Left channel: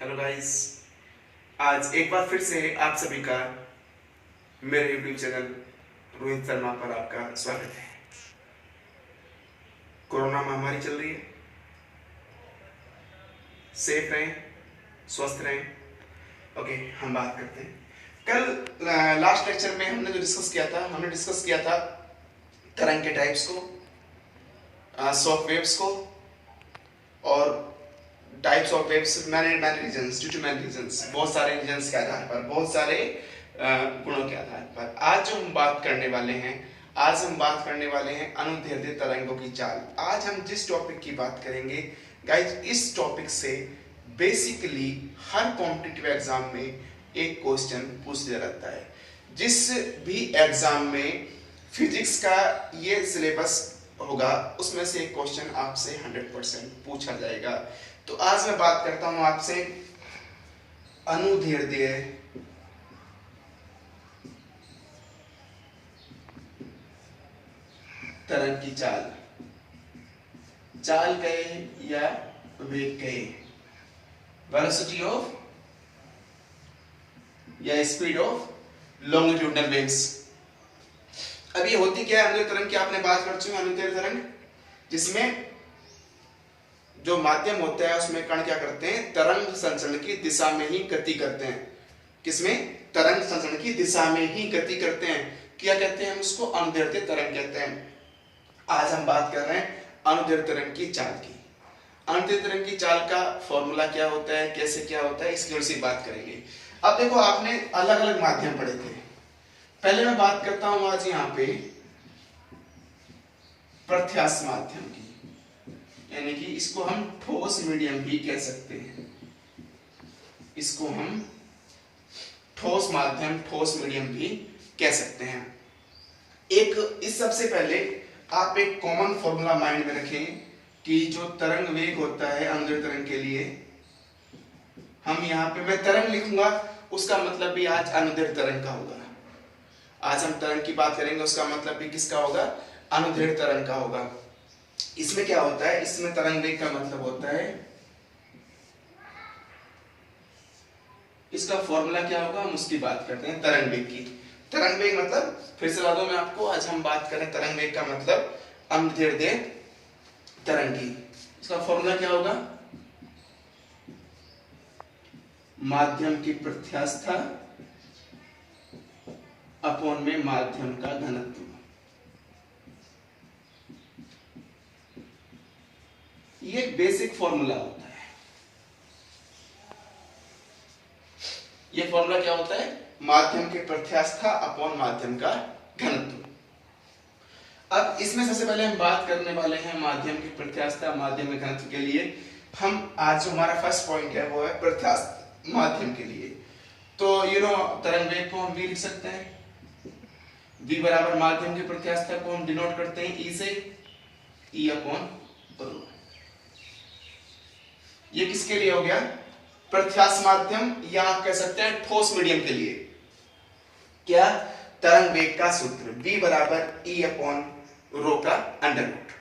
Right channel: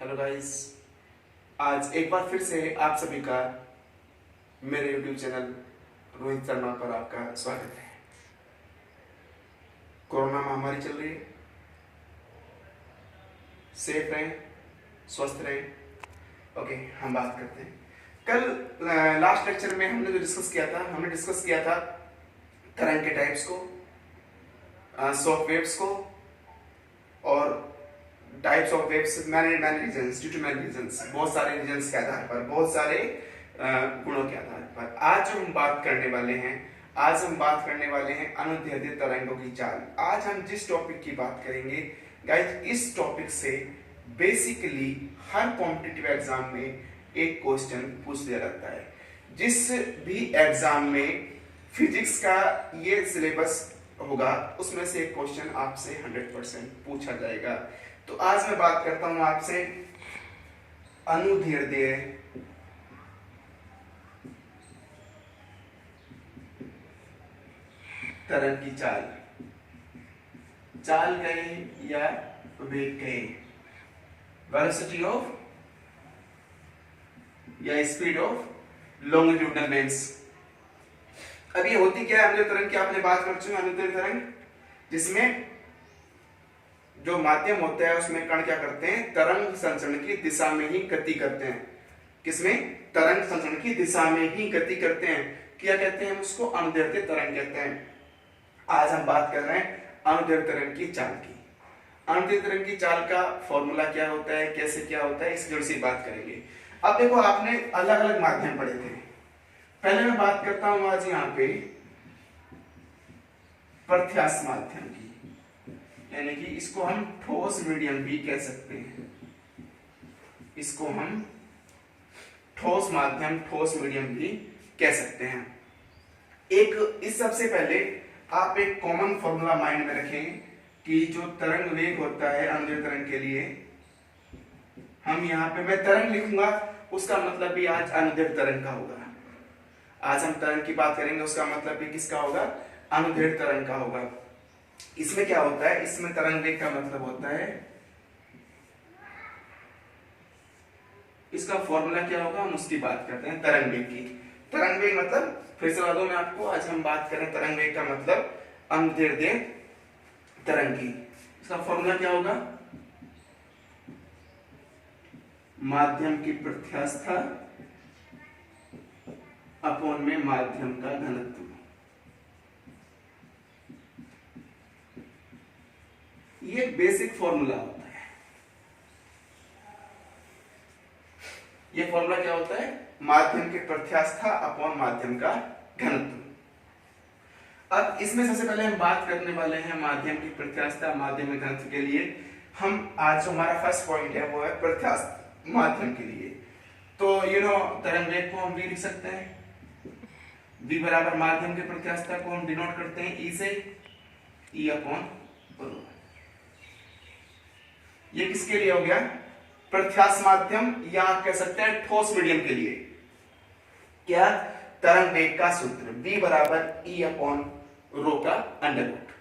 Hello guys. आज एक बार फिर से आप सभी का मेरे यूट्यूब चैनल रोहित शर्मा पर आपका स्वागत है। कोरोना महामारी चल रही है, सेफ रहें, स्वस्थ रहें। ओके, हम बात करते हैं। कल लास्ट लेक्चर में हमने जो डिस्कस किया था, हमने डिस्कस किया था तरंग के टाइप्स को, शॉक वेव्स को, और types of waves, many reasons, due to many reasons, बहुत सारे रीजन्स के आधार पर, बहुत सारे गुणों के आधार पर। आज हम बात करने वाले हैं अनुदैर्ध्य तरंगों की चाल। आज हम जिस टॉपिक की बात करेंगे गाइस, इस टॉपिक से बेसिकली हर कॉम्पिटिटिव एग्जाम में एक क्वेश्चन पूछ दिया जाता है। जिस भी एग्जाम में फिजिक्स का ये सिलेबस होगा उसमें से एक क्वेश्चन आपसे 100% पूछा जाएगा। तो आज मैं बात करता हूं आपसे अनुदैर्ध्य तरंग की चाल। चाल कहे या वेग कहे, वेलोसिटी ऑफ या स्पीड ऑफ लॉन्गिट्यूडिनल वेव्स। अब ये होती क्या है अनुदैर्ध्य तरंग की? आपने बात कर चुके हैं अनुदैर्ध्य तरंग, जिसमें जो माध्यम होता है उसमें कण क्या करते हैं, तरंग संचरण की दिशा में ही गति करते हैं। किसमें? तरंग संचरण की दिशा में ही गति करते हैं। क्या कहते हैं हम उसको? अनुदैर्ध्य तरंग कहते हैं। आज हम बात कर रहे हैं अनुदैर्ध्य तरंग की चाल की। अनुदैर्ध्य तरंग की चाल का फॉर्मूला क्या होता है, कैसे क्या होता है, इसकी थोड़ी सी बात करेंगे। अब देखो, आपने अलग अलग माध्यम पढ़े थे। पहले मैं बात करता हूं आज यहाँ पे प्रत्यास्थ माध्यम की, यानी कि इसको हम ठोस मीडियम भी कह सकते हैं। इसको हम ठोस माध्यम, ठोस मीडियम भी कह सकते हैं। इस सबसे पहले आप एक कॉमन फॉर्मूला माइंड में रखें कि जो तरंग वेग होता है अनुदैर्ध्य तरंग के लिए, हम यहाँ पे मैं तरंग लिखूंगा, उसका मतलब भी आज अनुदैर्ध्य तरंग का होगा। आज हम तरंग की बात करेंगे, उसका मतलब भी किसका होगा? अनुदैर्ध्य तरंग का होगा। इसमें क्या होता है? इसमें तरंग वेग का मतलब होता है, इसका फॉर्मूला क्या होगा हम उसकी बात करते हैं, तरंग वेग की। तरंग वेग मतलब, फिर से बता दूं मैं आपको, आज हम बात करें तरंग वेग का मतलब अनुदैर्ध्य तरंग की। इसका फॉर्मूला क्या होगा? माध्यम की प्रत्यास्थता अपॉन में माध्यम का घनत्व। ये एक बेसिक फॉर्मूला होता है। ये फॉर्मूला क्या होता है? माध्यम की प्रत्यास्थता अपॉन माध्यम का घनत्व। अब इसमें सबसे पहले हम बात करने वाले हैं माध्यम की प्रत्यास्थता, माध्यम के घनत्व के लिए। हम आज जो हमारा फर्स्ट पॉइंट है वो है प्रत्यास्थ माध्यम के लिए। तो तरंग वेग को हम v लिख सकते हैं। v बराबर माध्यम की प्रत्यास्थता को हम डिनोट करते हैं e से, e अपॉन रो। ये किसके लिए हो गया? प्रत्यास्थ माध्यम, या आप कह सकते हैं ठोस मीडियम के लिए। क्या? तरंग वेग का सूत्र v बराबर e अपॉन रो का अंडर रूट।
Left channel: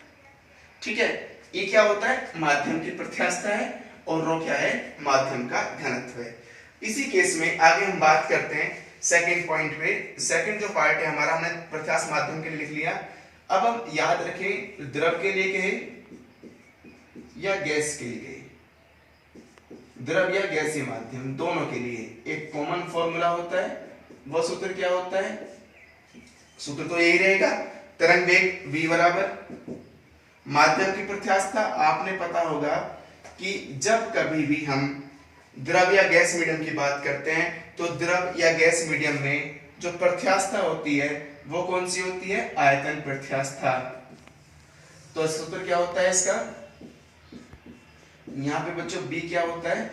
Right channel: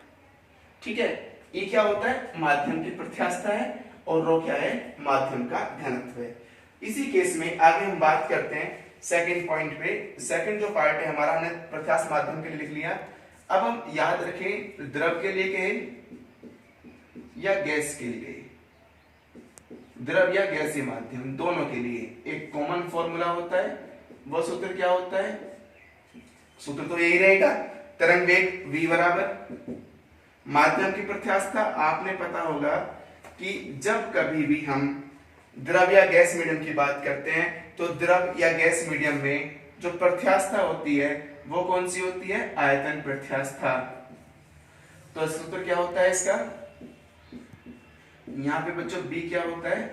ठीक है, e क्या होता है? माध्यम की प्रत्यास्थता है, और रो क्या है? माध्यम का घनत्व है। इसी केस में आगे हम बात करते हैं सेकंड पॉइंट पे। सेकंड जो पार्ट है हमारा, हमने प्रत्यास्थ माध्यम के लिए लिख लिया। अब हम याद रखें, द्रव के लिए कहे या गैस के लिए, द्रव या गैसीय माध्यम दोनों के लिए एक कॉमन फॉर्मूला होता है। वो सूत्र क्या होता है? सूत्र तो यही रहेगा, तरंग वेग v बराबर माध्यम की प्रत्यास्थता। आपने पता होगा कि जब कभी भी हम द्रव या गैस मीडियम की बात करते हैं तो द्रव या गैस मीडियम में जो प्रत्यास्थता होती है वो कौन सी होती है? आयतन प्रत्यास्थता। तो सूत्र क्या होता है इसका? यहां पे बच्चों b क्या होता है?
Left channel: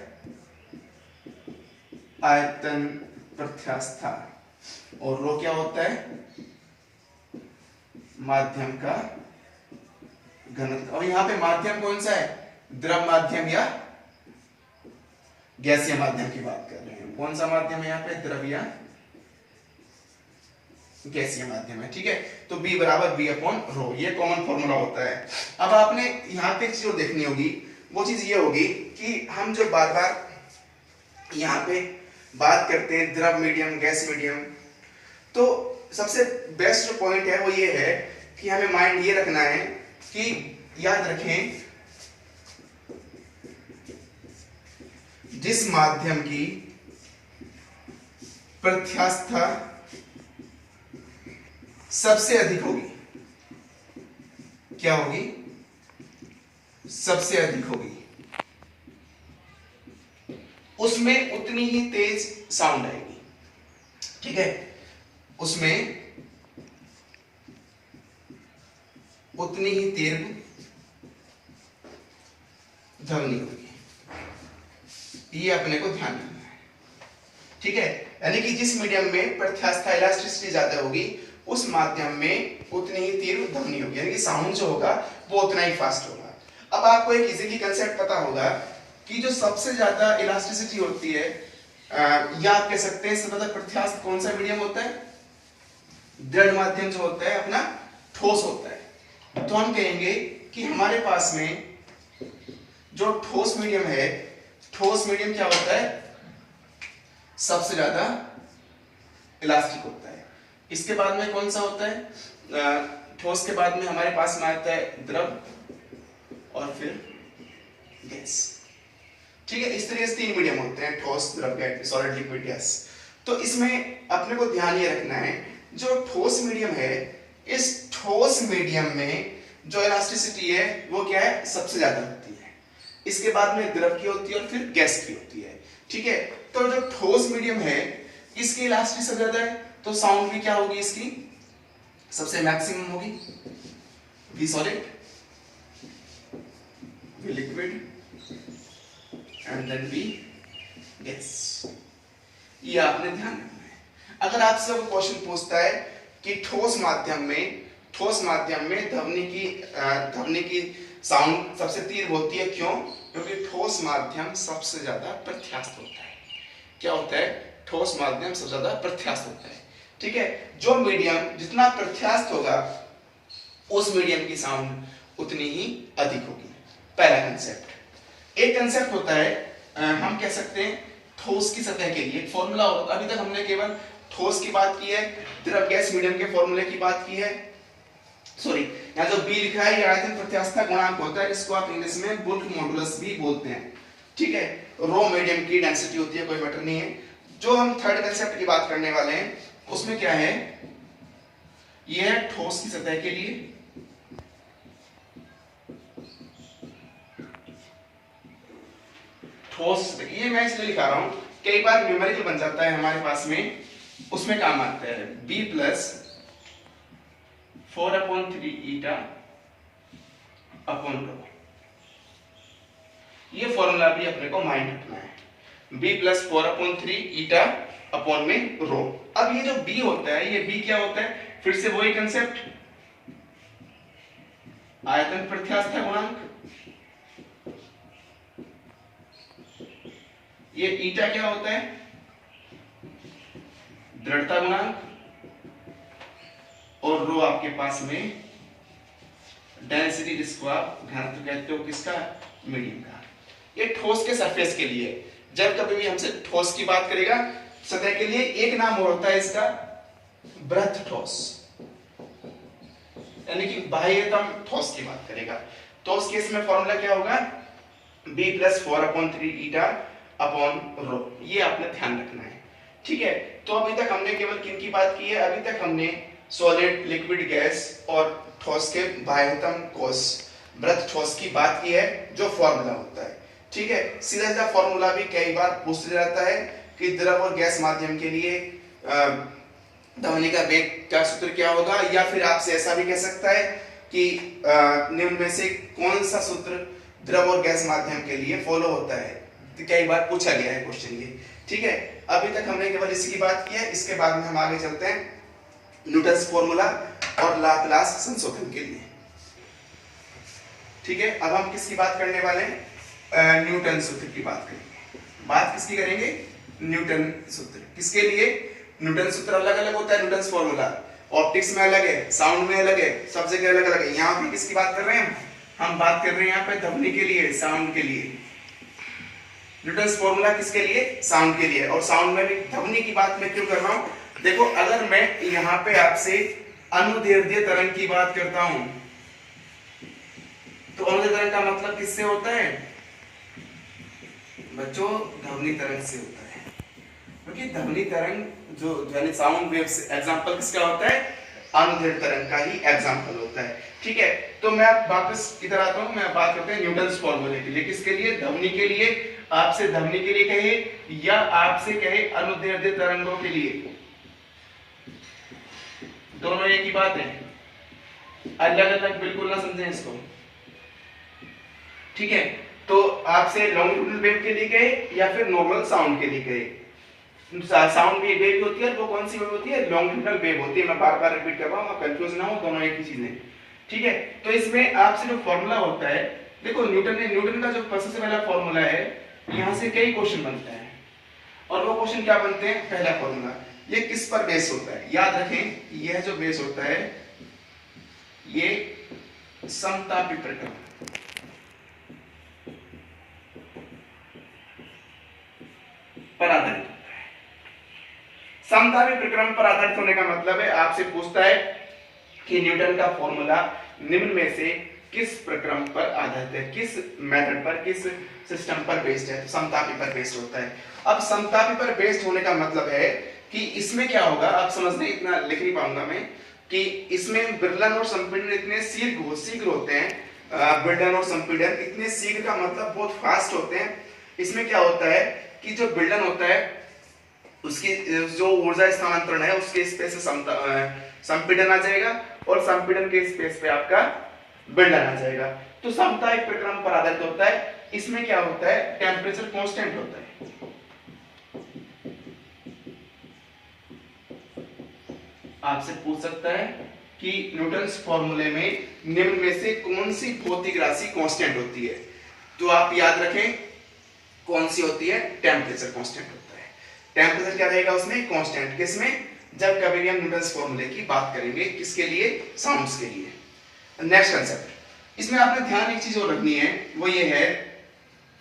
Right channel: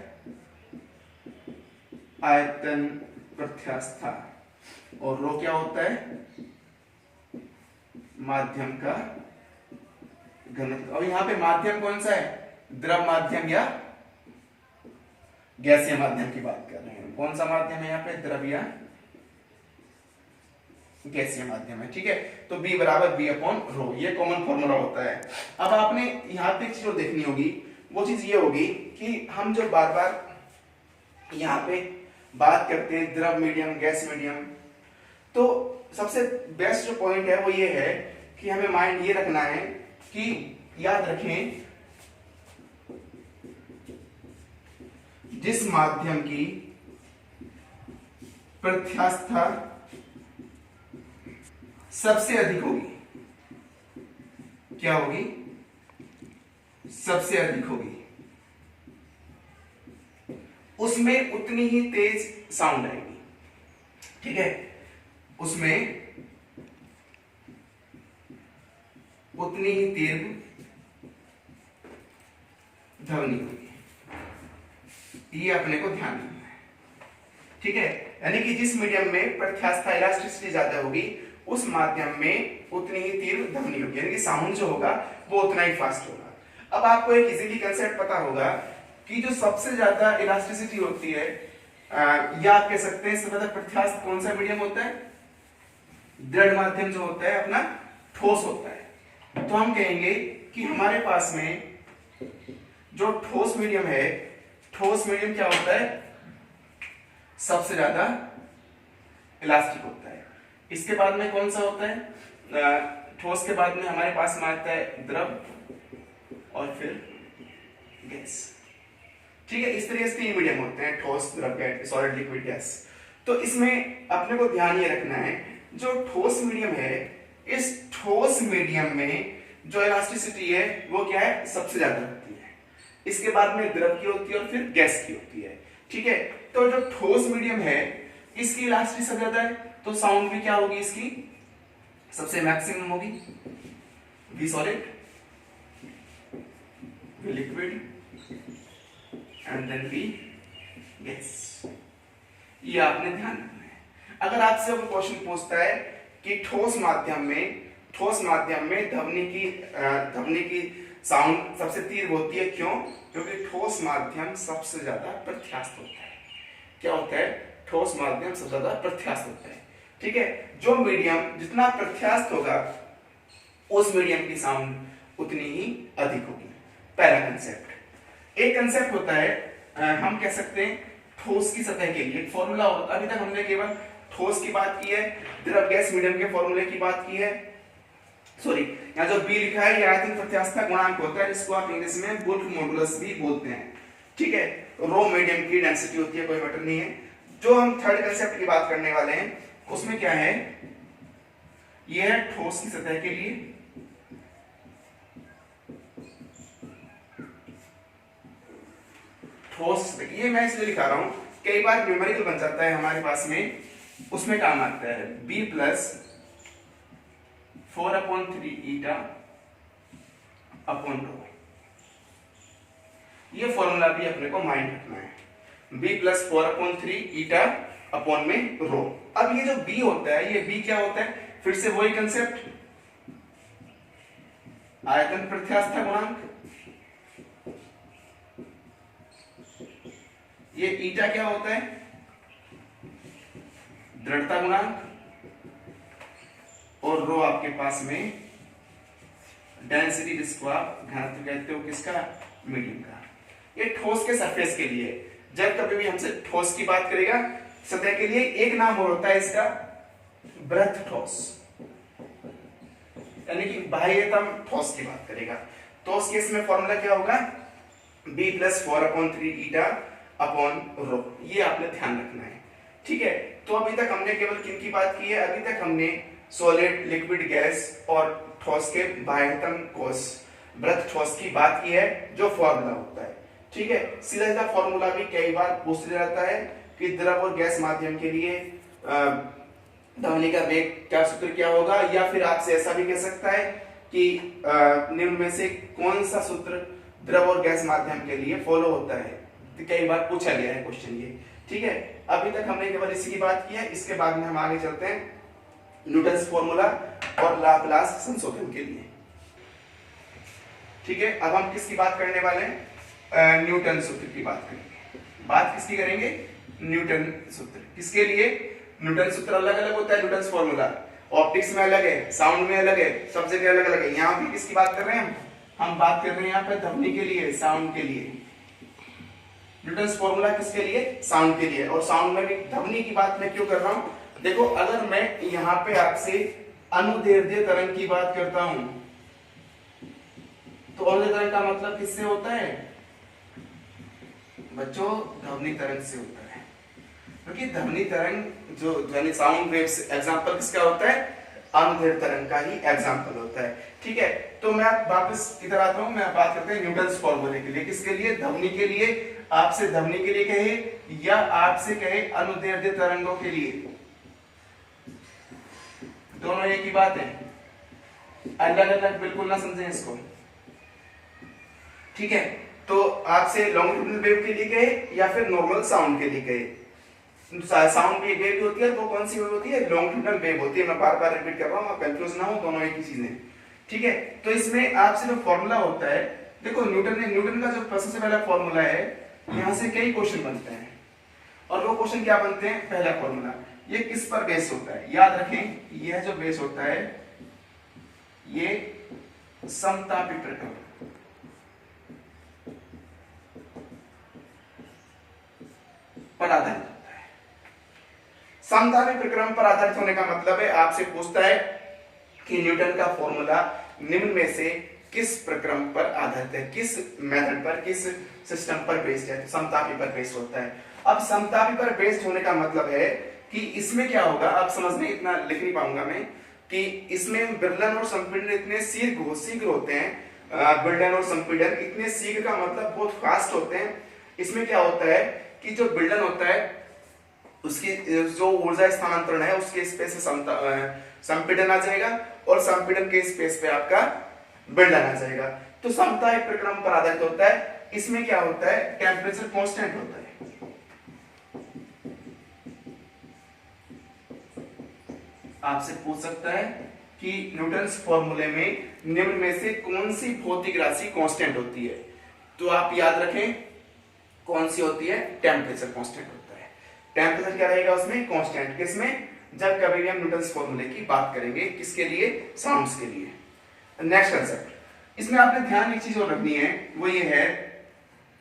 आयतन प्रत्यास्थता, और रो क्या होता है? माध्यम का घनत्व। और यहाँ पे माध्यम कौन सा है? द्रव माध्यम या गैसीय माध्यम की बात कर रहे हैं। कौन सा माध्यम है यहाँ पे? द्रव या गैसीय माध्यम है। ठीक है, तो b बराबर v अपॉन रो, ये कॉमन फॉर्मूला होता है। अब आपने यहाँ पे एक चीज देखनी होगी, वो चीज ये होगी कि हम जो बार बार यहाँ पे बात करते हैं द्रव मीडियम, गैस मीडियम। तो सबसे बेस्ट जो पॉइंट है वो ये है कि हमें माइंड ये रखना है कि याद रखें जिस माध्यम की प्रत्यास्थता सबसे अधिक होगी, क्या होगी? सबसे अधिक होगी, उसमें उतनी ही तेज साउंड आएगी। ठीक है, उसमें उतनी ही तीव्र ध्वनि होगी, ये अपने को ध्यान रखना है। ठीक है, यानी कि जिस मीडियम में प्रत्यास्थता इलास्टिसिटी ज्यादा होगी उस माध्यम में उतनी ही तीव्र ध्वनि होगी, यानी कि साउंड जो होगा वो उतना ही फास्ट होगा। अब आपको एक इजीली कंसेप्ट पता होगा कि जो सबसे ज्यादा इलास्टिसिटी होती है या आप कह सकते हैं सबसे ज्यादा प्रत्यास्थ कौन सा मीडियम होता है? दृढ़ माध्यम जो होता है अपना ठोस होता है। तो हम कहेंगे कि हमारे पास में जो ठोस मीडियम है, ठोस मीडियम क्या होता है? सबसे ज्यादा इलास्टिक होता है। इसके बाद में कौन सा होता है? ठोस के बाद में हमारे पास में आता है द्रव और फिर गैस। ठीक है, इस तरह से तीन मीडियम होते हैं, ठोस, द्रव, गैस, सॉलिड, लिक्विड, गैस। तो इसमें अपने को ध्यान ये रखना है जो ठोस मीडियम है, इस ठोस मीडियम में जो इलास्टिसिटी है वो क्या है? सबसे ज्यादा होती है। इसके बाद में द्रव की होती है और फिर गैस की होती है। ठीक है, तो जो ठोस मीडियम है इसकी इलास्टिसिटी सबसे ज्यादा है, तो साउंड भी क्या होगी? इसकी सबसे मैक्सिमम होगी। V solid, V liquid and then V gas. ये आपने ध्यान रखना है। अगर आपसे वो क्वेश्चन पूछता है कि ठोस माध्यम में ध्वनि की साउंड सबसे तीव्र होती है, क्यों? क्योंकि ठोस माध्यम सबसे ज्यादा प्रत्यास्थ होता है। क्या होता है? ठोस माध्यम सबसे ज्यादा प्रत्यास्थ होता है। ठीक है, जो मीडियम जितना प्रत्यास्थ होगा उस मीडियम की साउंड उतनी ही अधिक होगी। पहला कंसेप्ट। एक कंसेप्ट होता है हम कह सकते हैं ठोस की सतह के लिए फॉर्मूला। अभी तक हमने केवल ठोस की बात की है, द्रव गैस मीडियम के फॉर्मूले की बात की है। सॉरी, यहाँ जो बी लिखा है ये आयतन प्रत्यास्थता गुणांक होता है, इसको आप इंग्लिश में बुल्क मॉडुलस भी बोलते हैं। ठीक है, रो मीडियम की डेंसिटी होती है, कोई मैटर नहीं है। जो हम थर्ड कंसेप्ट की बात करने वाले हैं उसमें क्या है? ये है ठोस की सतह के लिए ठोस। ये मैं इसलिए लिखा रहा हूं, कई बार न्यूमेरिकल बन जाता है हमारे पास में, उसमें काम आता है b plus 4/3 eta upon rho. ये फॉर्मूला भी अपने को माइंड रखना है, b प्लस 4/3 ईटा अपॉन में रो। अब ये जो b होता है, ये b क्या होता है? फिर से वही कंसेप्ट, आयतन प्रत्यास्थता गुणांक। ये ईटा क्या होता है? दृढ़ता गुणांक। और रो आपके पास में डेंसिटी, जिसको आप घनत्व कहते हो किसका? मीडियम का। ये ठोस के सरफेस के लिए। जब कभी भी हमसे ठोस की बात करेगा सतह के लिए, एक नाम और होता है इसका ब्रथ ठोस, यानी कि बाह्यतम ठोस की बात करेगा। तो उस केस में फॉर्मूला क्या होगा? b plus 4/3 eta upon rho. ये आपने ध्यान रखना है। ठीक है, तो अभी तक हमने केवल किन की बात की है? अभी तक हमने सॉलिड, लिक्विड, गैस और ठोस के बाह्यतम कोश, ब्रथ ठोस की बात की है, जो फॉर्मूला होता है। ठीक है, सीधा सीधा फॉर्मूला भी कई बार पूछा जाता है कि द्रव और गैस माध्यम के लिए ध्वनि का वेग का सूत्र क्या होगा, या फिर आपसे ऐसा भी कह सकता है कि निम्न में से कौन सा सूत्र द्रव और गैस माध्यम के लिए फॉलो होता है। तो कई बार पूछा गया है क्वेश्चन ये। ठीक है, अभी तक हमने केवल इसी की बात की है। इसके बाद में हम आगे चलते हैं न्यूटन्स फॉर्मूला और लाप्लास संशोधन के लिए। ठीक है, अब हम किसकी बात करने वाले हैं? न्यूटन सूत्र की बात करेंगे। बात किसकी करेंगे? न्यूटन सूत्र। किसके लिए? न्यूटन सूत्र अलग अलग होता है, न्यूटन्स फॉर्मूला ऑप्टिक्स में अलग है, साउंड में अलग है, सब जगह अलग अलग है। यहाँ पे किसकी बात कर रहे हैं हम बात कर रहे हैं यहाँ पे ध्वनि के लिए, साउंड के लिए। न्यूटन्स फॉर्मूला किसके लिए? साउंड के लिए। और साउंड में भी ध्वनि की बात मैं क्यों कर रहा हूं? देखो अगर मैं यहां पे आपसे अनुदैर्ध्य तरंग की बात करता हूं तो अनुदैर्ध्य तरंग का मतलब किससे होता है बच्चों? ध्वनि तरंग से होता है। क्योंकि ध्वनि तरंग जो ध्वनि साउंड वेव्स एग्जांपल किसका होता है? अनुदैर्ध्य तरंग का ही एग्जांपल होता है। ठीक है, तो मैं वापस किधर आता हूं? मैं बात करते हैं न्यूटन्स फॉर्मूले के लिए। किसके लिए? ध्वनि के लिए। आपसे ध्वनि के लिए कहे या आपसे कहे अनुदैर्ध्य तरंगों के लिए, दोनों एक ही बात है, अलग अलग बिल्कुल ना समझें इसको। ठीक है, तो आपसे लॉन्गिट्यूडनल वेव के लिए कहे या फिर नॉर्मल साउंड के लिए कहे, साउंड वेव भी होती है, वो कौन सी वेव होती है? लॉन्गिट्यूडनल वेव होती है। मैं बार बार रिपीट कर रहा हूं, आप कंफ्यूज ना हो, दोनों एक ही चीजें। ठीक है, तो इसमें आपसे जो फॉर्मूला होता है, देखो न्यूटन का जो सबसे पहला फॉर्मूला है, यहां से कई क्वेश्चन बनते हैं। और वो क्वेश्चन क्या बनते हैं? पहला फॉर्मूला ये किस पर बेस होता है? याद रखें, यह जो बेस होता है ये समतापी प्रक्रम पर आधारित होता है। समतापी प्रक्रम पर आधारित होने का मतलब है आपसे पूछता है कि न्यूटन का फॉर्मूला निम्न में से किस प्रक्रम पर आधारित है, किस मेथड पर, किस सिस्टम पर बेस्ड है? तो समतापी पर बेस्ड होता है। अब समतापी पर बेस्ड होने का मतलब है कि इसमें क्या होगा, आप समझने इतना लिख नहीं पाऊंगा मैं, कि इसमें विरलन और संपीड़न इतने शीघ्र होते हैं। विरलन और संपीड़न इतने शीघ्र का मतलब बहुत फास्ट होते हैं। इसमें क्या होता है कि जो विरलन होता है उसकी जो ऊर्जा स्थानांतरण है उसके स्पेस से संपीड़न आ जाएगा और संपीड़न के स्पेस पे आपका विरलन आ जाएगा। तो समता एक प्रक्रम पर आधारित होता है। इसमें क्या होता है? टेम्परेचर कांस्टेंट होता है। आपसे पूछ सकता है कि न्यूटन्स फॉर्मूले में निम्न में से कौन सी भौतिक राशि कांस्टेंट होती है? तो आप याद रखें कौन सी होती है? टेम्परेचर कांस्टेंट होता है। टेम्परेचर क्या रहेगा उसमें? कांस्टेंट। किसमें? जब कभी भी हम न्यूटन्स फॉर्मूले की बात करेंगे। किसके लिए? साउंड्स के लिए। नेक्स्ट कंसेप्ट, इसमें आपने ध्यान एक चीज और रखनी है, वो ये है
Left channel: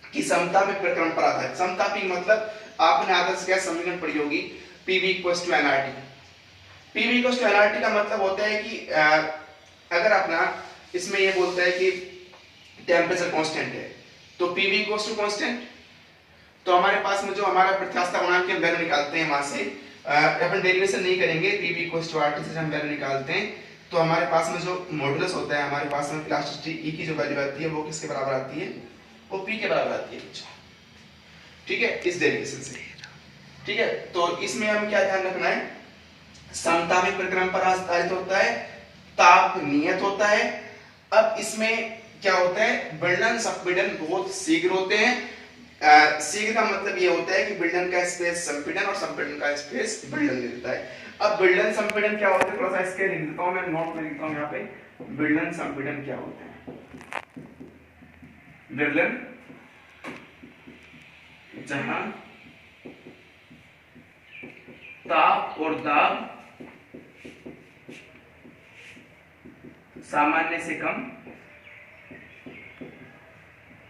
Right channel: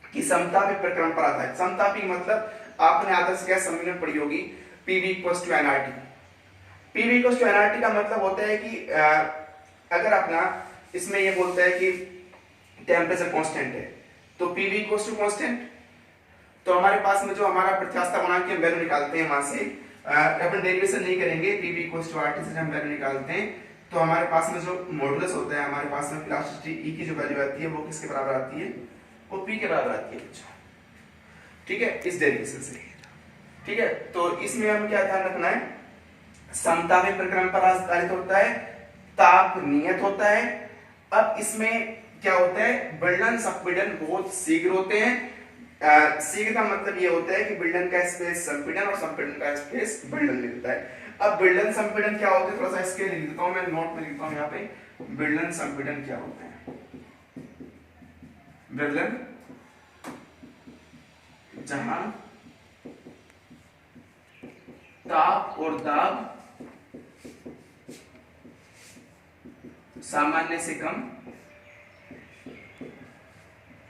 कि समतापी प्रक्रम पर आधारित। समतापी मतलब आपने आदर्श गैस समीकरण पढ़ी होगी, PV = nRT। PV = nRT का मतलब होता है कि अगर अपना इसमें ये बोलता है कि टेम्परेचर कांस्टेंट है तो PV = कांस्टेंट, तो हमारे पास में जो हमारा प्रत्यास्था गुणांक हम वैल्यू निकालते हैं, वहां से अपन डेरिवेशन नहीं करेंगे, PV = RT से हम वैल्यू निकालते हैं, तो हमारे पास में जो मॉडुलस होता है, हमारे पास में इलास्टिसिटी E की जो वैल्यू आती है वो किसके बराबर आती है? वो P के बराबर आती है बच्चों। ठीक है, इस डेरिवेशन से। ठीक है, तो इसमें हम क्या ध्यान रखना है? समतापी प्रक्रम पर आधारित होता है, ताप नियत होता है। अब इसमें क्या होता है? विरलन संपीड़न बहुत शीघ्र होते हैं। शीघ्र का मतलब ये होता है कि विरलन का स्पेस संपीड़न और संपीड़न का स्पेस विरलन ले लेता है। अब विरलन संपीड़न क्या होता है? थोड़ा सा इसके लिख देता हूं मैं, नोट में लिखता हूं यहाँ पे। विरलन संपीड़न क्या होता है? विरलन जहां ताप और दाब सामान्य से कम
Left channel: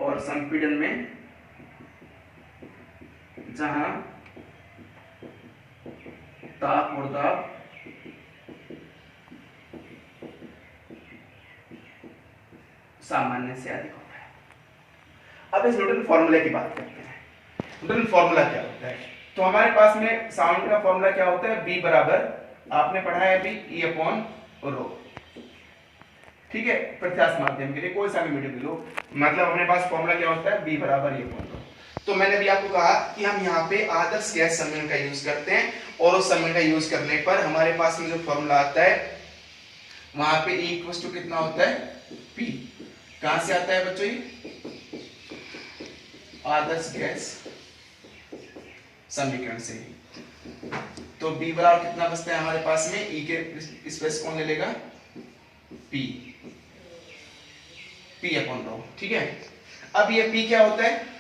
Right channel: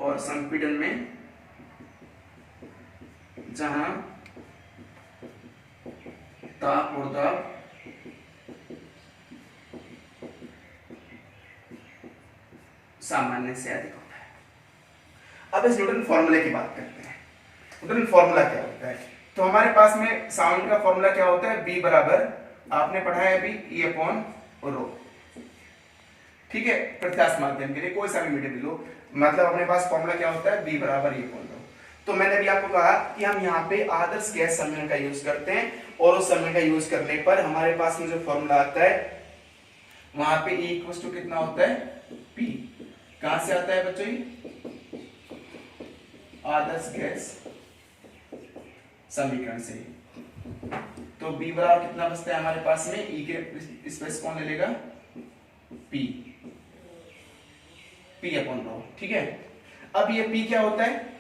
और संपीड़न में जहां ताप और दाब सामान्य से अधिक होता है। अब इस न्यूटन फॉर्मूले की बात करते हैं। न्यूटन फॉर्मूला क्या होता है? तो हमारे पास में साउंड का फॉर्मूला क्या होता है? B बराबर, आपने पढ़ा है अभी, E/ρ। ठीक है, प्रत्यास्थ माध्यम के लिए कोई सा भी मीडियम ले लो, मतलब अपने पास फॉर्मूला क्या होता है? B बराबर E/ρ। तो मैंने भी आपको कहा कि हम यहाँ पे आदर्श गैस समीकरण का यूज करते हैं, और उस समीकरण का यूज करने पर हमारे पास में जो फॉर्मूला आता है वहां पे E = कितना होता है? P। कहां से आता है बच्चों? ये आदर्श गैस समीकरण से। तो B बराबर कितना बचता है हमारे पास में? E के स्पेस कौन ले लेगा? P। P/ρ। ठीक है, अब ये P क्या होता है?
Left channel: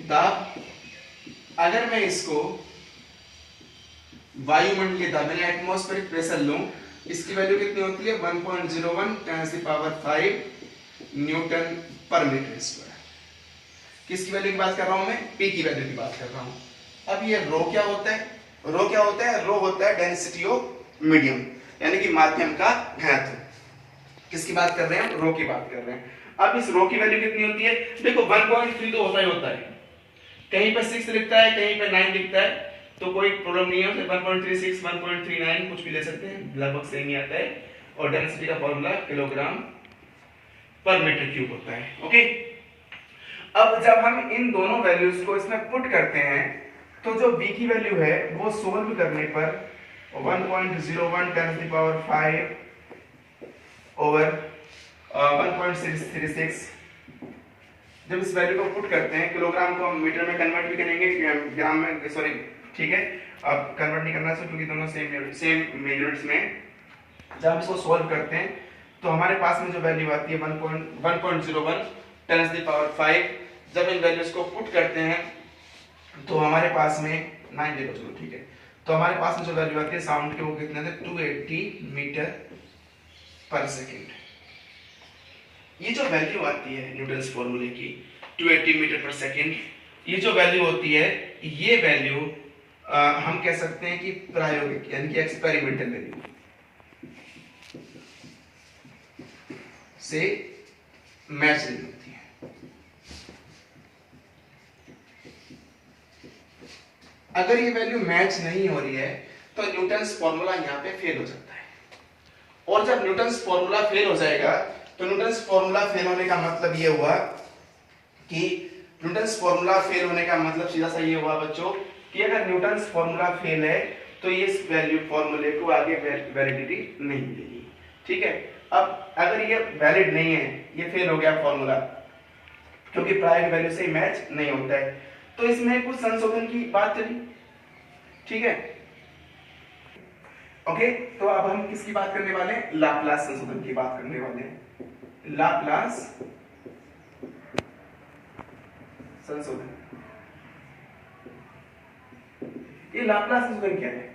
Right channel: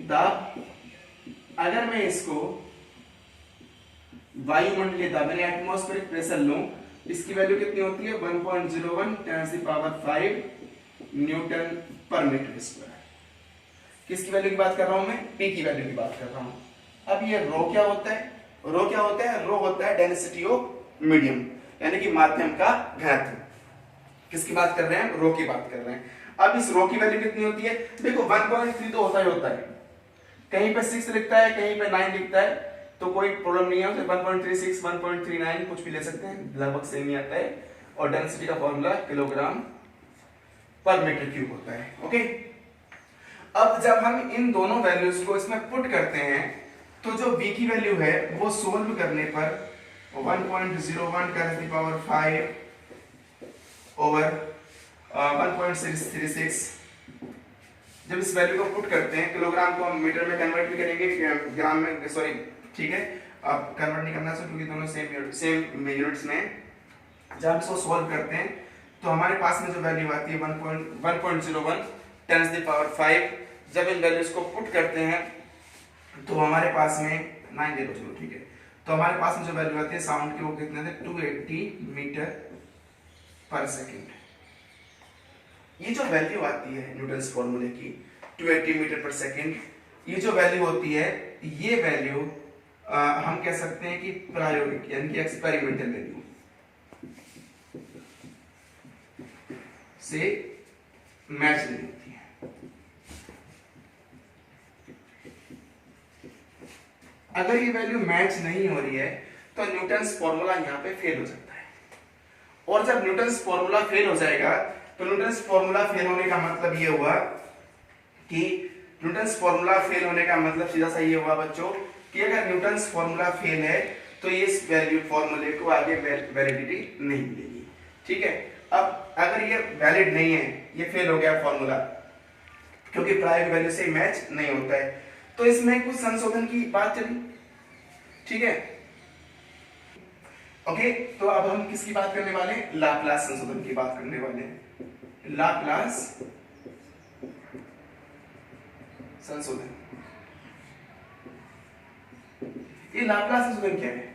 दाब। अगर मैं इसको वायुमंडलीय दाब मैंने एटमॉस्फेरिक प्रेशर लूं, इसकी वैल्यू कितनी होती है? 1.01 × 10⁵ न्यूटन पर मीटर स्क्वायर। किसकी वैल्यू की बात कर रहा हूं मैं? P की वैल्यू की बात कर रहा हूं। अब ये रो क्या होता है? रो क्या होता है? रो होता है डेंसिटी ऑफ मीडियम, यानी कि माध्यम का घनत्व। किसकी बात कर रहे हैं? रो की बात कर रहे हैं। अब इस रो की वैल्यू कितनी होती है? देखो 1.3 तो होता ही होता है, कहीं पे 6 लिखता है, कहीं पे 9 लिखता है, तो कोई प्रॉब्लम नहीं है, उसे 1.36 1.39 कुछ भी ले सकते हैं, लगभग सेम ही आता है। और डेंसिटी का फॉर्मूला किलोग्राम पर मीटर क्यूब होता है। ओके, अब जब हम इन दोनों वैल्यूज को इसमें पुट करते हैं तो जो v की वैल्यू है वो सोल्व करने पर 1.01 10 की पावर 5 ओवर 1.636, जब इस वैल्यू को पुट करते हैं, किलोग्राम को हम मीटर में कन्वर्ट भी करेंगे, ग्राम में, सॉरी ठीक है, अब कन्वर्ट नहीं करना चाहिए क्योंकि दोनों सेम मेजरमेंट्स में। जब हम इसको सॉल्व करते हैं तो हमारे पास में जो वैल्यू आती है 1.01 10 की पावर 5, जब इन वैल्यूज को पुट करते हैं तो हमारे पास में 9 देखो, चलो ठीक है, तो हमारे पास में जो वैल्यू आती है साउंड की वो कितने थे? 280 मीटर पर सेकेंड। ये जो वैल्यू आती है न्यूटन्स फॉर्मूले की 280 मीटर पर सेकेंड, ये जो वैल्यू होती है, ये वैल्यू हम कह सकते हैं कि प्रायोगिक यानी कि एक्सपेरिमेंटल वैल्यू से मैच नहीं होती है। अगर ये वैल्यू मैच नहीं हो रही है तो न्यूटन्स फॉर्मूला यहाँ पे फेल हो जाता है। और जब न्यूटन्स फॉर्मूला फेल हो जाएगा तो न्यूटन्स फॉर्मूला फेल होने का मतलब ये हुआ कि न्यूटन्स फॉर्मूला फेल होने का मतलब सीधा सा ये हुआ बच्चों कि अगर न्यूटन्स फॉर्मूला फेल है तो ये इस वैल्यू फॉर्मूले को आगे वैलिडिटी नहीं मिलेगी। ठीक है, अब अगर ये वैलिड नहीं है, ये फेल हो गया फॉर्मूला क्योंकि प्रायोगिक वैल्यू से मैच नहीं होता है, तो इसमें कुछ संशोधन की बात चली। ठीक है, ओके, तो अब हम किसकी बात करने वाले हैं? लाप्लास संशोधन की बात करने वाले हैं। लाप्लास संशोधन, ये लाप्लास संशोधन क्या है?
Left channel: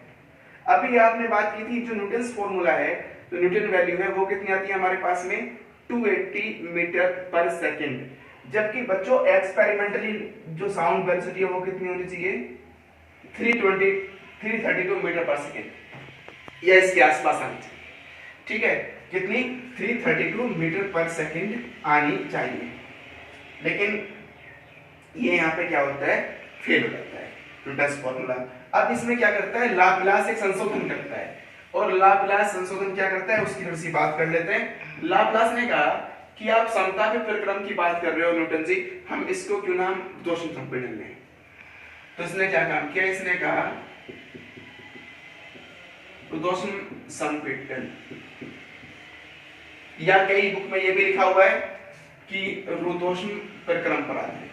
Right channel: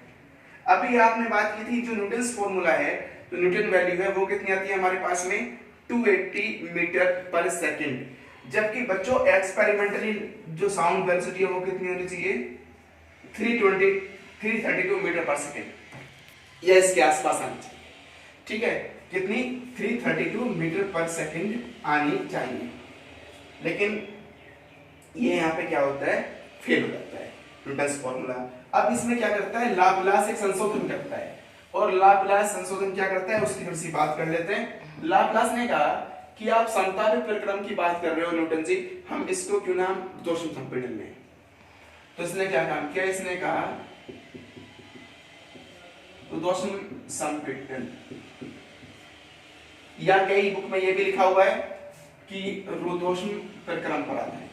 अभी आपने बात की थी जो न्यूटन्स फॉर्मूला है, तो न्यूटन वैल्यू है वो कितनी आती है हमारे पास में? 280 मीटर पर सेकेंड, जबकि बच्चों एक्सपेरिमेंटली जो साउंड वेलोसिटी है वो कितनी होनी चाहिए? 332 मीटर पर सेकेंड या इसके आसपास आनी चाहिए। ठीक है, कितनी? 332 मीटर पर सेकेंड आनी चाहिए, लेकिन ये यहाँ पे क्या होता है? फेल हो जाता है न्यूटन्स फॉर्मूला। अब इसमें क्या करता है? लाप्लास एक संशोधन करता है, और लाप्लास संशोधन क्या करता है उसकी थोड़ी सी बात कर लेते हैं। लाप्लास ने कहा कि आप समतापी प्रक्रम की बात कर रहे हो न्यूटन जी, हम इसको क्यों ना हम दोषम संपीड़न लें। तो इसने क्या काम किया? इसने कहा रुदोषम संपीड़न, या कई बुक में यह भी लिखा हुआ है कि रुदोषम प्रक्रम पर आधारित।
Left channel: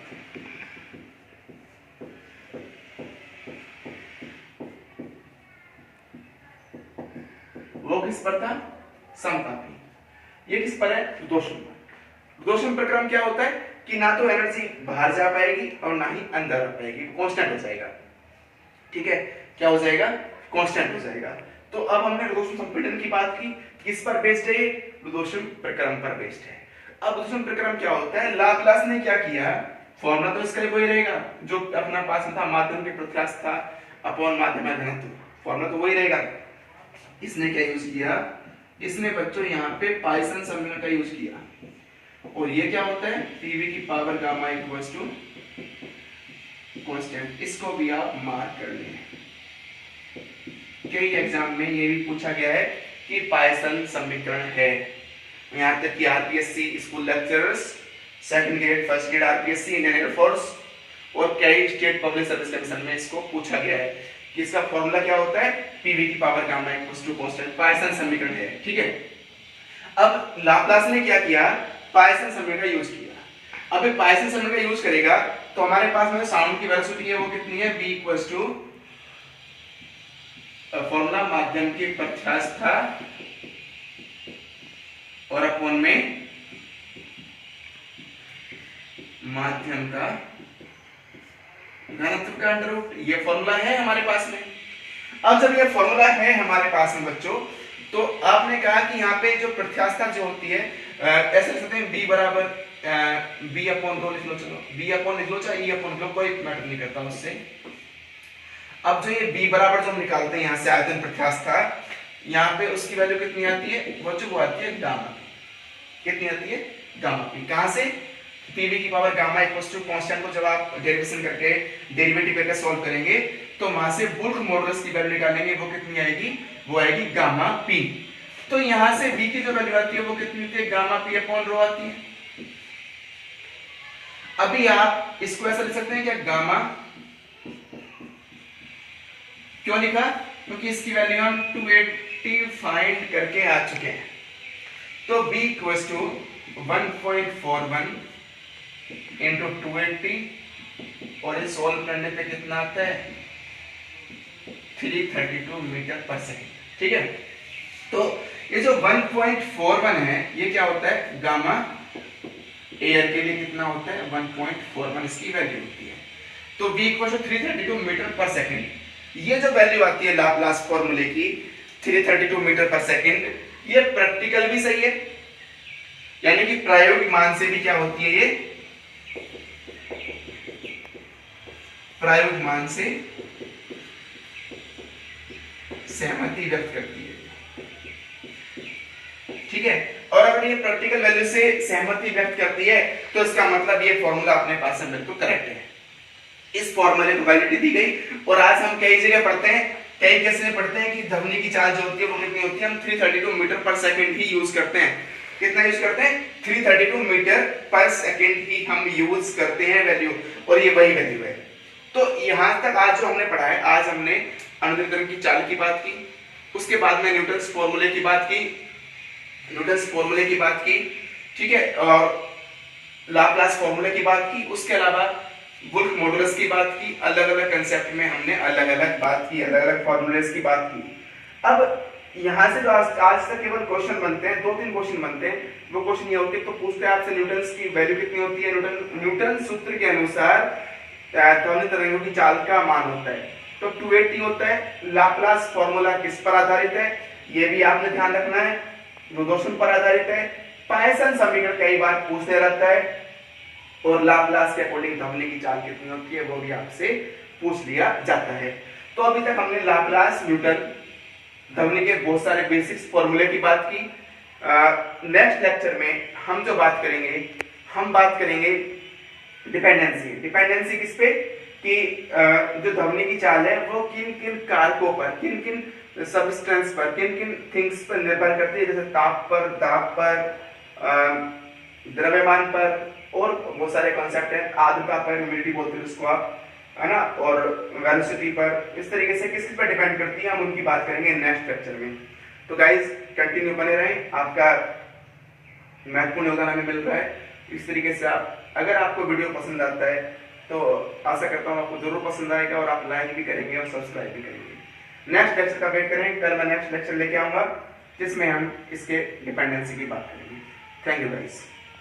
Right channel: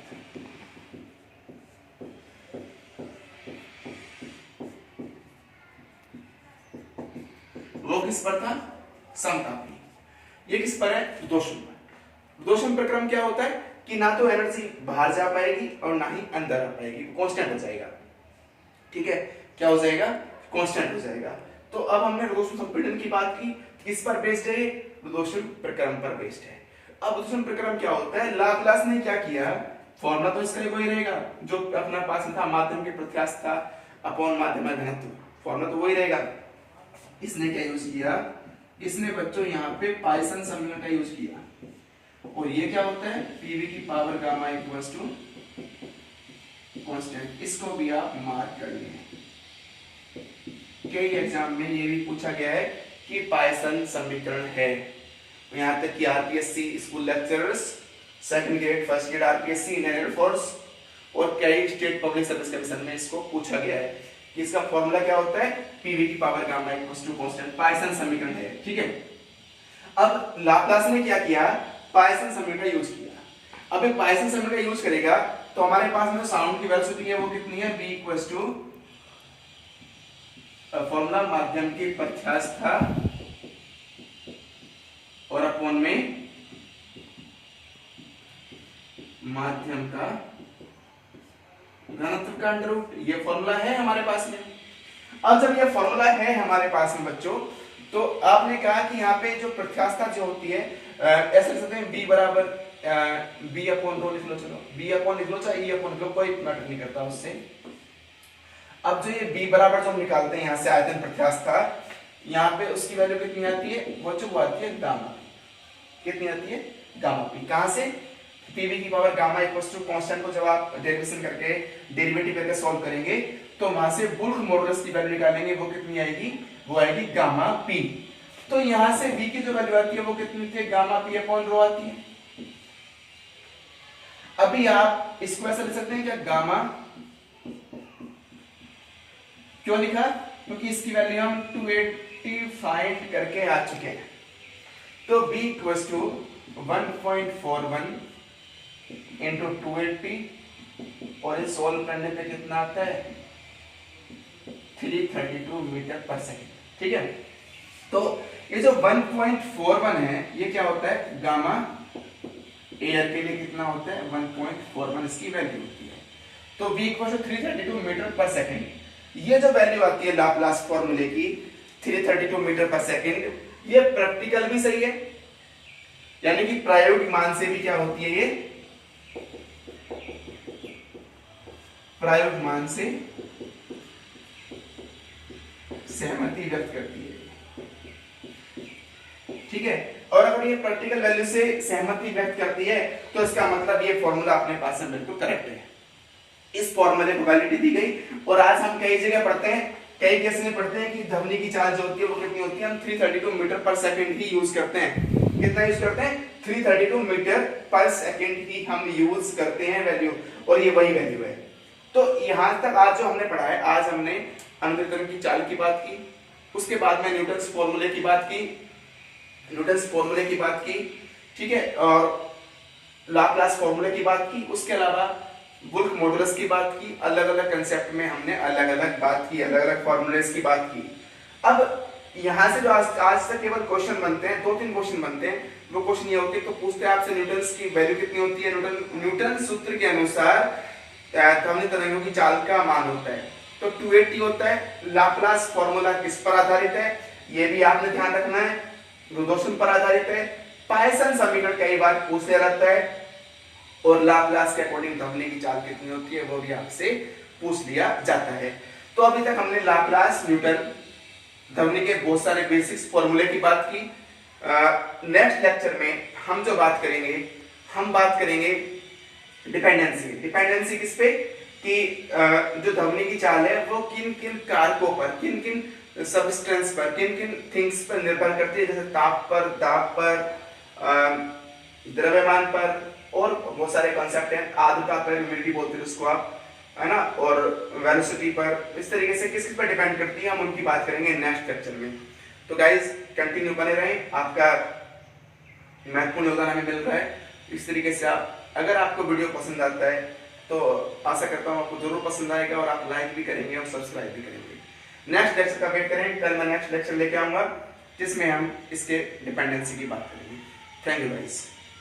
वो किस पर था? समतापी। ये किस पर है? रुदोषम पर। रुदोषम प्रक्रम क्या होता है कि ना तो एनर्जी बाहर जा पाएगी और ना ही अंदर आ पाएगी, कांस्टेंट हो जाएगा। ठीक है, क्या हो जाएगा? कांस्टेंट हो जाएगा। तो अब हमने रुदोषम संपीड़न की बात की, किस पर बेस्ड है? रुदोषम प्रक्रम पर बेस्ड है। अब रुदोषम प्रक्रम क्या होता है? लाप्लास ने क्या किया? फॉर्मूला तो इसका वही रहेगा जो अपना पास में था, माध्यम के प्रत्यास्थ था अपॉन माध्यम का घनत्व, फॉर्मूला तो वही रहेगा। इसने क्या यूज किया? इसने बच्चों यहाँ पे पाइसन समीकरण का यूज किया, और ये क्या होता है? पीवी की power gamma equals to constant. इसको भी आप मार्क कर लें, कई एग्जाम में ये भी पूछा गया है कि पाइसन समीकरण है। यहाँ तक कि RPSC school lecturers, second grade, first grade RPSC, Indian air force और कई स्टेट पब्लिक सर्विस कमीशन में इसको पूछा गया है कि इसका फॉर्मूला क्या होता है? पीवी की power gamma equals to constant, Poisson समीकरण है। ठीक है, अब लाप्लास ने क्या किया? पाइसन समीकरण यूज किया। अब पाइसन समीकरण यूज करेगा तो हमारे पास में साउंड की वेलोसिटी है वो कितनी है? v इक्वल्स टू फॉर्मूला माध्यम की प्रत्यास्थता और अपॉन में माध्यम का घनत्व का अंडर रूट। ये फॉर्मूला है हमारे पास में। अब जब ये फॉर्मूला है हमारे पास में बच्चों, तो आपने कहा कि यहाँ पे जो प्रत्यास्थता जो होती है ऐसे लिख सकते हैं b बराबर बी अपॉन रो लिख लो, चलो बी अपॉन लिख लो चाहे ई अपॉन रो, कोई मैटर नहीं करता उससे। अब जो ये b बराबर जो हम निकालते हैं यहाँ से आयतन प्रत्यास्थ था, यहाँ पे उसकी वैल्यू कितनी आती है, वो आती है गामा, कितनी आती है गामा पी। कहां से, पीवी की power gamma equals to constant को जब आप डेरिवेशन करके डेरिवेटिव करके सॉल्व करेंगे तो वहां से बुल्क मॉडुलस की वैल्यू निकालेंगे, वो कितनी आएगी, वो आएगी गामा पी। तो यहां से v की जो वैल्यू आती है वो कितनी होती है, गामा पी अपॉन रो आती है। अभी आप इसको ऐसा लिख सकते हैं क्या, गामा, क्यों लिखा, क्योंकि इसकी वैल्यू हम 280 फाइंड करके आ चुके हैं। तो b इक्वल्स टू 1.41 इंटू 280 और ये सोल्व करने पे कितना आता है, 332 मीटर पर सेकेंड। ठीक है, तो ये जो 1.41 है ये क्या होता है, गामा एयर के लिए कितना होता है 1.41 इसकी वैल्यू होती है। तो v इक्वल टू 332 मीटर पर सेकेंड, ये जो वैल्यू आती है लाप्लास फॉर्मूले की 332 मीटर पर सेकेंड, ये प्रैक्टिकल भी सही है, यानी कि प्रायोगिक मान से भी क्या होती है, ये प्रायोगिक मान से सहमति व्यक्त करती है। ठीक है, और अगर ये प्रैक्टिकल वैल्यू से सहमति व्यक्त करती है तो इसका मतलब ये फॉर्मूला अपने पास में बिल्कुल करेक्ट है, इस फॉर्मूले को वैलिडिटी दी गई। और आज हम कई जगह पढ़ते हैं, कई केस में पढ़ते हैं कि ध्वनि की चाल जो होती है वो कितनी होती है, हम 332 मीटर पर सेकंड ही यूज करते हैं। कितना यूज करते हैं, 332 मीटर पर सेकंड ही हम यूज करते हैं वैल्यू, और ये वही वैल्यू है। तो यहां तक आज जो हमने पढ़ा है, आज हमने अनुदिन की चाल की बात की, उसके बाद में न्यूटन्स फॉर्मूले की बात की, ठीक है, और लाप्लास फॉर्मूले की बात की, उसके अलावा बुल्क मॉडुलस की बात की। अलग अलग कंसेप्ट में हमने अलग अलग बात की, अलग अलग फॉर्मूलेस की बात की। अब यहां से जो आज तक केवल क्वेश्चन बनते हैं, 2-3 क्वेश्चन बनते हैं, वो क्वेश्चन ये होते तो पूछते हैं आपसे न्यूटन्स की वैल्यू कितनी होती है, न्यूटन सूत्र के अनुसार ध्वनि तरंगों की चाल का मान होता है तो 280 होता है। लाप्लास फॉर्मूला किस पर आधारित है, ये भी आपने ध्यान रखना है, रुदोशन पर आधारित है। पायसन समीकरण कई बार पूछते रहता है, और लाप्लास के अकॉर्डिंग ध्वनि की चाल कितनी होती है वो भी आपसे पूछ लिया जाता है। तो अभी तक हमने लाप्लास, न्यूटन, ध्वनि के बहुत सारे बेसिक्स फॉर्मूले की बात की। नेक्स्ट लेक्चर में हम जो बात करेंगे, हम बात करेंगे डिपेंडेंसी किस पे, कि जो ध्वनि की चाल है वो किन किन कारकों पर, किन किन सबस्टेंस पर, किन किन थिंग्स पर निर्भर करती है, जैसे ताप पर, दाब पर, द्रव्यमान पर, और बहुत सारे कॉन्सेप्ट हैं, आर्द्रता पर, ह्यूमिडिटी बोलते हैं उसको आप, है ना, और वेलोसिटी पर, इस तरीके से किस किस पर डिपेंड करती है, हम उनकी बात करेंगे नेक्स्ट लेक्चर में। तो गाइज कंटिन्यू बने रहें, आपका महत्वपूर्ण योगदान हमें मिल रहा है। इस तरीके से अगर आपको वीडियो पसंद आता है तो आशा करता हूँ आपको जरूर पसंद आएगा, और आप लाइक भी करेंगे और सब्सक्राइब भी करेंगे। नेक्स्ट लेक्चर का वेट करें, कल मैं नेक्स्ट लेक्चर लेके आऊंगा जिसमें हम इसके डिपेंडेंसी की बात करेंगे। Thank you guys.